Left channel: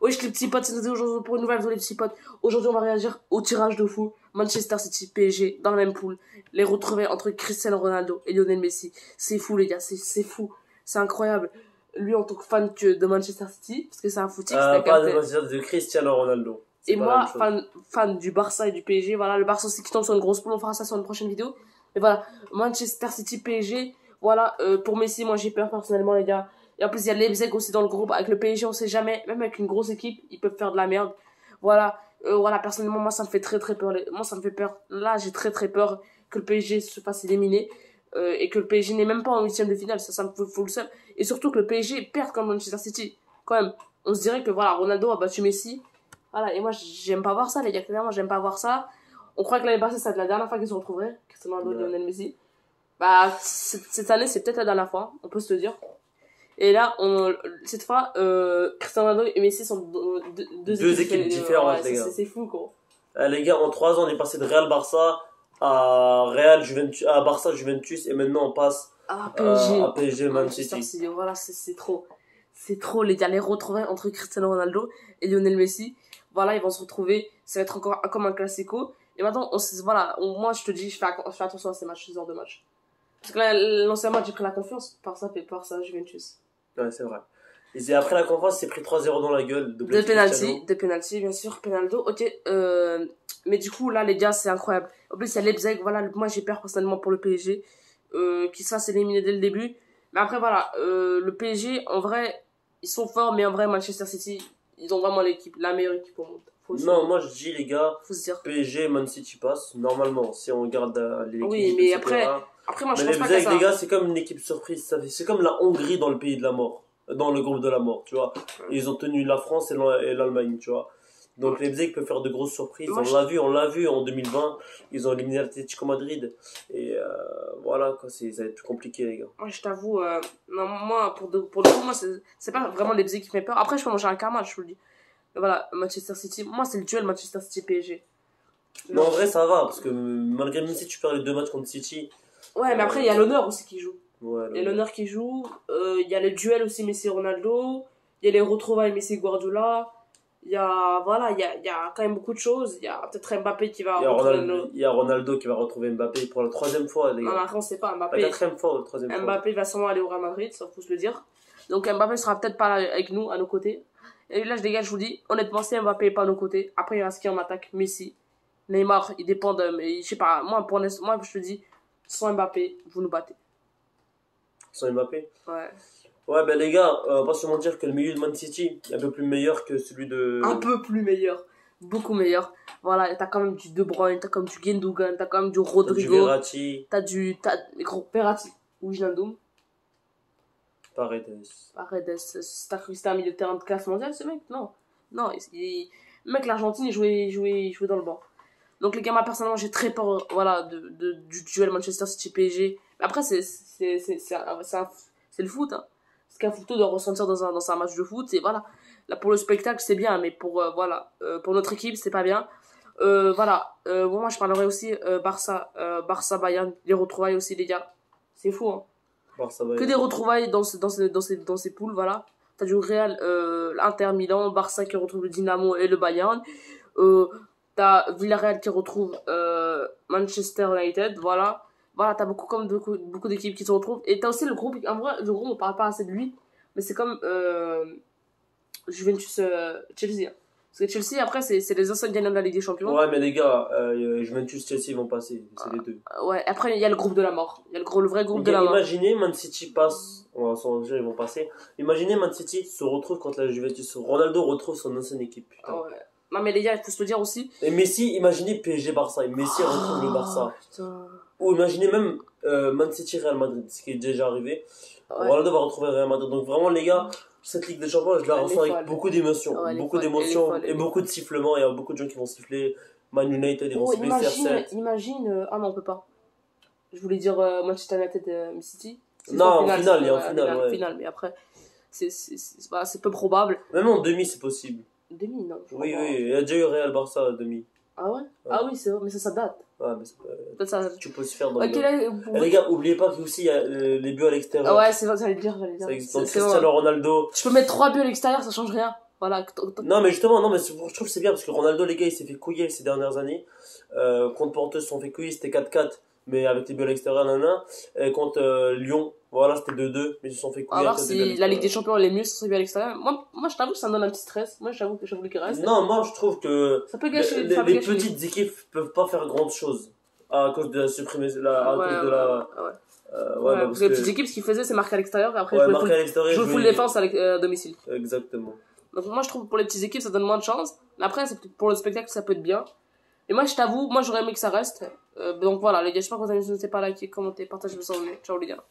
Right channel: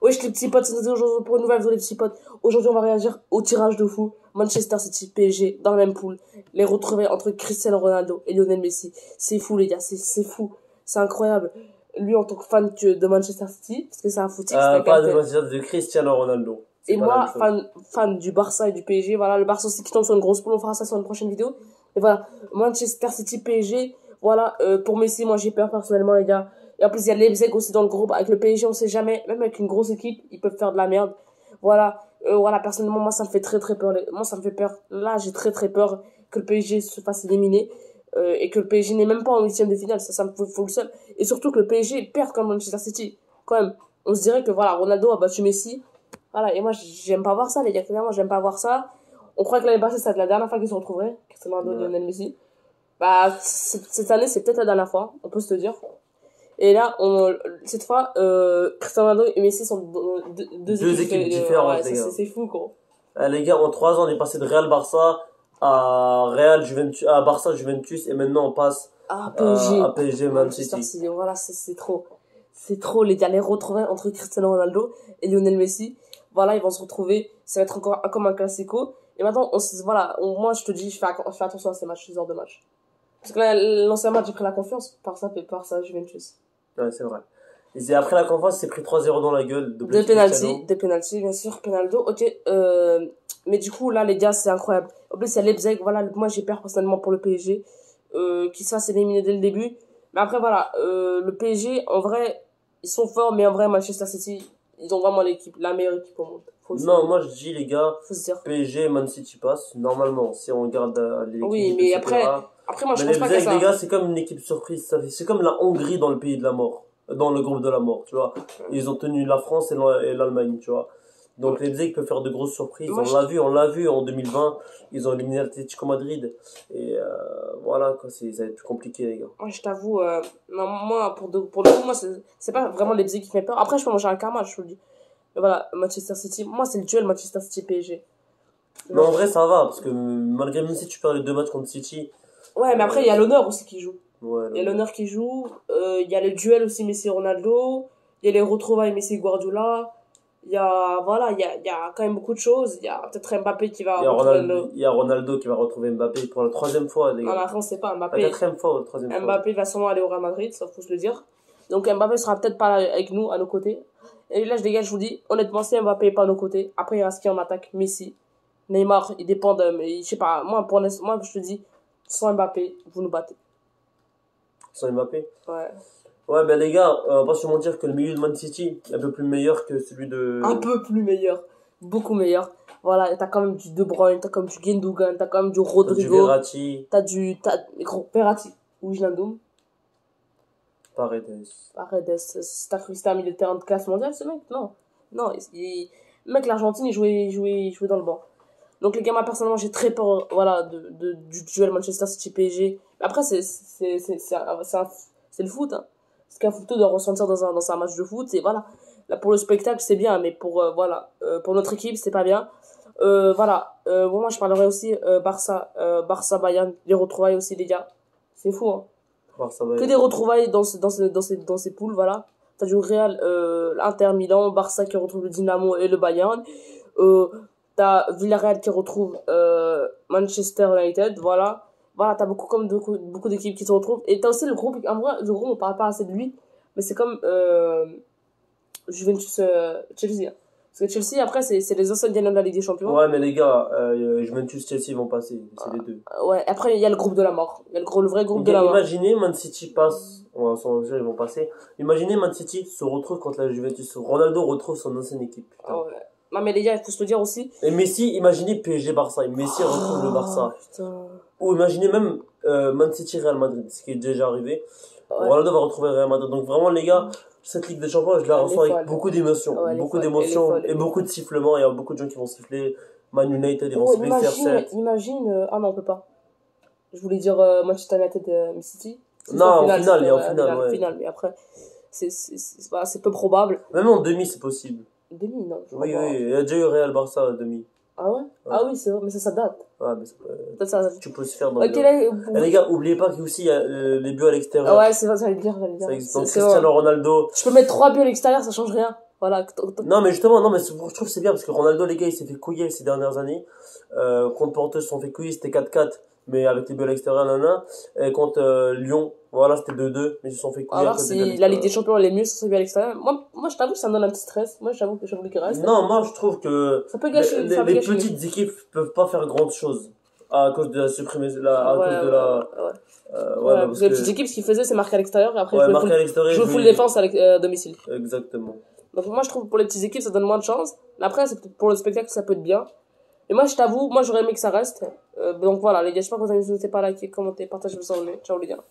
Wesh les petits potes, c'est aujourd'hui pour une nouvelle vidéo les petits potes. Aujourd'hui on va réagir au tirage de fou. Manchester City, PSG, dans la même poule. Les retrouver entre Cristiano Ronaldo et Lionel Messi. C'est fou les gars, c'est fou. C'est incroyable. Lui en tant que fan de Manchester City, parce que c'est un footix, pas de Manchester, de Cristiano Ronaldo. Et moi, fan du Barça et du PSG. Voilà, le Barça aussi qui tombe sur une grosse poule, on fera ça sur une prochaine vidéo. Mais voilà, Manchester City, PSG. Voilà, pour Messi, moi j'ai peur personnellement les gars. Et en plus, il y a Leipzig aussi dans le groupe. Avec le PSG, on sait jamais. Même avec une grosse équipe, ils peuvent faire de la merde. Voilà, personnellement, moi, ça me fait très très peur. Moi, ça me fait peur. Là, j'ai très très peur que le PSG se fasse éliminer. Et que le PSG n'est même pas en huitième de finale. Ça me fout le seul. Et surtout que le PSG perd comme Manchester City. Quand même, on se dirait que voilà, Ronaldo a battu Messi. Voilà, et moi, j'aime pas voir ça, les gars. Clairement, j'aime pas voir ça. On croit que l'année passée, ça va être la dernière fois qu'ils se retrouveraient. Cristiano Ronaldo et Lionel Messi. Bah, cette année, c'est peut-être la dernière fois. On peut se le dire. Et là, cette fois, Cristiano Ronaldo et Messi sont deux équipes différentes, les gars. C'est fou, quoi. Les gars, en 3 ans, on est passé de Real Barça à Real Juventus, à Barça Juventus, et maintenant on passe à PSG Man City. Voilà, c'est trop. C'est trop, les gars. Les retrouvailles entre Cristiano Ronaldo et Lionel Messi. Voilà, ils vont se retrouver. Ça va être encore comme un classico. Et maintenant, moi, je te dis, je fais attention à ces matchs, ces heures de match. Parce que là, l'ancien match, j'ai pris la confiance. Par ça, Juventus. Ouais, c'est vrai. Et après la confiance, c'est pris 3-0 dans la gueule. De penalty, bien sûr, Penaldo. Ok, mais du coup, là, les gars, c'est incroyable. En plus, il y a Leipzig. Voilà, moi, j'ai peur personnellement pour le PSG. Qui se fasse éliminer dès le début. Mais après, voilà, le PSG, en vrai, ils sont forts, mais en vrai, Manchester City, ils ont vraiment la meilleure équipe au monde. Non, moi je dis les gars, PSG, Man City passe normalement si on regarde l'équipe. Oui, mais après moi je pense pas que ça. Les gars, c'est comme une équipe surprise, c'est comme la Hongrie dans le pays de la mort, dans le groupe de la mort, tu vois. Ils ont tenu la France et l'Allemagne, tu vois. Donc Leipzig peut faire de grosses surprises. On l'a vu en 2020, ils ont éliminé l'Atlético Madrid et voilà quoi, ça va être plus compliqué les gars. Moi je t'avoue, non, moi pour le coup, moi c'est pas vraiment Leipzig qui fait peur. Après je peux manger un karma, je vous le dis. Mais voilà, Manchester City, moi c'est le duel Manchester City PSG. Mais en vrai ça va parce que malgré même si tu perds les 2 matchs contre City. Ouais, mais après il y a l'honneur aussi qui joue. Ouais, il y a l'honneur qui joue, il y a le duel aussi Messi Ronaldo, il y a les retrouvailles Messi Guardiola. Il y a quand même beaucoup de choses. Il y a peut-être Mbappé qui va il y a Ronaldo qui va retrouver Mbappé pour la 3e fois les gars. Non mais après on sait pas, Mbappé. La 4e fois ou la 3e fois. Mbappé va sûrement aller au Real Madrid, ça faut se le dire. Donc Mbappé sera peut-être pas avec nous, à nos côtés. Et là les gars, je vous dis honnêtement, si Mbappé est pas à nos côtés, après il reste qui en attaque? Messi, Neymar, ils dépendent, mais je sais pas, moi je te dis, sans Mbappé, vous nous battez. Sans Mbappé? Ouais. Ouais, ben les gars, on va pas se mentir que le milieu de Man City est un peu plus meilleur que celui de... Un peu plus meilleur. Beaucoup meilleur. Voilà, t'as quand même du De Bruyne, t'as quand même du Gundogan, t'as quand même du Rodrigo. Du Verratti. T'as Verratti. Wijnaldum. Paredes. T'as cru que c'était un milieu de terrain de classe mondiale, ce mec? Non. Non, mec, l'Argentine, il jouait dans le banc. Donc les gars, moi personnellement, j'ai très peur, voilà, du duel Manchester City PSG. Après, c'est le foot, hein. Ce qu'un footeux doit ressentir dans un match de foot, et voilà. Là, pour le spectacle, c'est bien, mais pour notre équipe, c'est pas bien. Moi, je parlerai aussi Barça Bayern, les retrouvailles aussi, les gars. C'est fou, hein. Que des retrouvailles dans ces poules, voilà. T'as du Real, l'Inter Milan, Barça qui retrouve le Dynamo et le Bayern. T'as Villarreal qui retrouve Manchester United, voilà. Voilà, t'as beaucoup d'équipes qui se retrouvent. Et t'as aussi le groupe, en vrai, le groupe, on parle pas assez de lui, mais c'est comme Juventus Chelsea. Hein. Parce que Chelsea, après, c'est les anciens gagnants de la Ligue des Champions. Ouais, mais les gars, Juventus Chelsea vont passer, c'est les deux. Ouais, après, il y a le groupe de la mort. Il y a le vrai groupe de la mort. Imaginez Man City passe, on va s'en dire, ils vont passer. Imaginez Man City se retrouve contre la Juventus. Ronaldo retrouve son ancienne équipe. Putain. Ouais. Non, mais les gars, il faut se le dire aussi. Et Messi, imaginez PSG Barça. Et Messi retrouve le Barça. Putain. Ou imaginez même Man City Real Madrid, ce qui est déjà arrivé. Ouais. Ronaldo va retrouver Real Madrid. Donc vraiment, les gars, cette Ligue des Champions, je la ressens avec beaucoup d'émotions. Beaucoup d'émotions et beaucoup de sifflements. Il y a beaucoup de gens qui vont siffler. Man United, ils vont siffler CR7. Imagine, ah non, on peut pas. Je voulais dire Manchester United City. Non, en finale, mais après, c'est peu probable. Même en demi, c'est possible. Demi, non. Oui, il y a déjà eu Real Barça à demi. Ah ouais? Ah oui, c'est vrai, mais ça date. Ouais, mais ça, tu peux se faire dans les gars, oubliez pas qu'il y a les buts à l'extérieur. Ah ouais, c'est vrai, ça veut dire. Donc Cristiano Ronaldo. Je peux mettre 3 buts à l'extérieur, ça change rien. Voilà. Non, mais justement, non, mais je trouve que c'est bien parce que Ronaldo, les gars, il s'est fait couiller ces dernières années. Contre Porto, ils se sont fait couiller, c'était 4-4, mais avec les buts à l'extérieur, nanana. Et contre Lyon, voilà, c'était 2-2, mais ils se sont fait On va couiller. voir si la Ligue des Champions elle est mieux si c'est bien à l'extérieur. Moi, je t'avoue que ça me donne un petit stress. Moi, j'avoue que j'ai envie qu'il reste. Non, moi, je trouve que Ça peut gâcher. les petites équipes peuvent pas faire grande chose à cause de la supprimer, à cause de la. Ouais. Voilà, Parce que les petites équipes, ce qu'ils faisaient, c'est marquer à l'extérieur et après ouais, marquer à l'extérieur, jouer full défense à domicile. Exactement. Donc moi, je trouve que pour les petites équipes, ça donne moins de chance. Mais après, c'est peut-être pour le spectacle, ça peut être bien. Et moi, je t'avoue, moi, j'aurais aimé que ça reste. Donc voilà, les gars, j'espère que vous avez n'hésitez pas à liker, commenter, partager le son. Ciao les gars.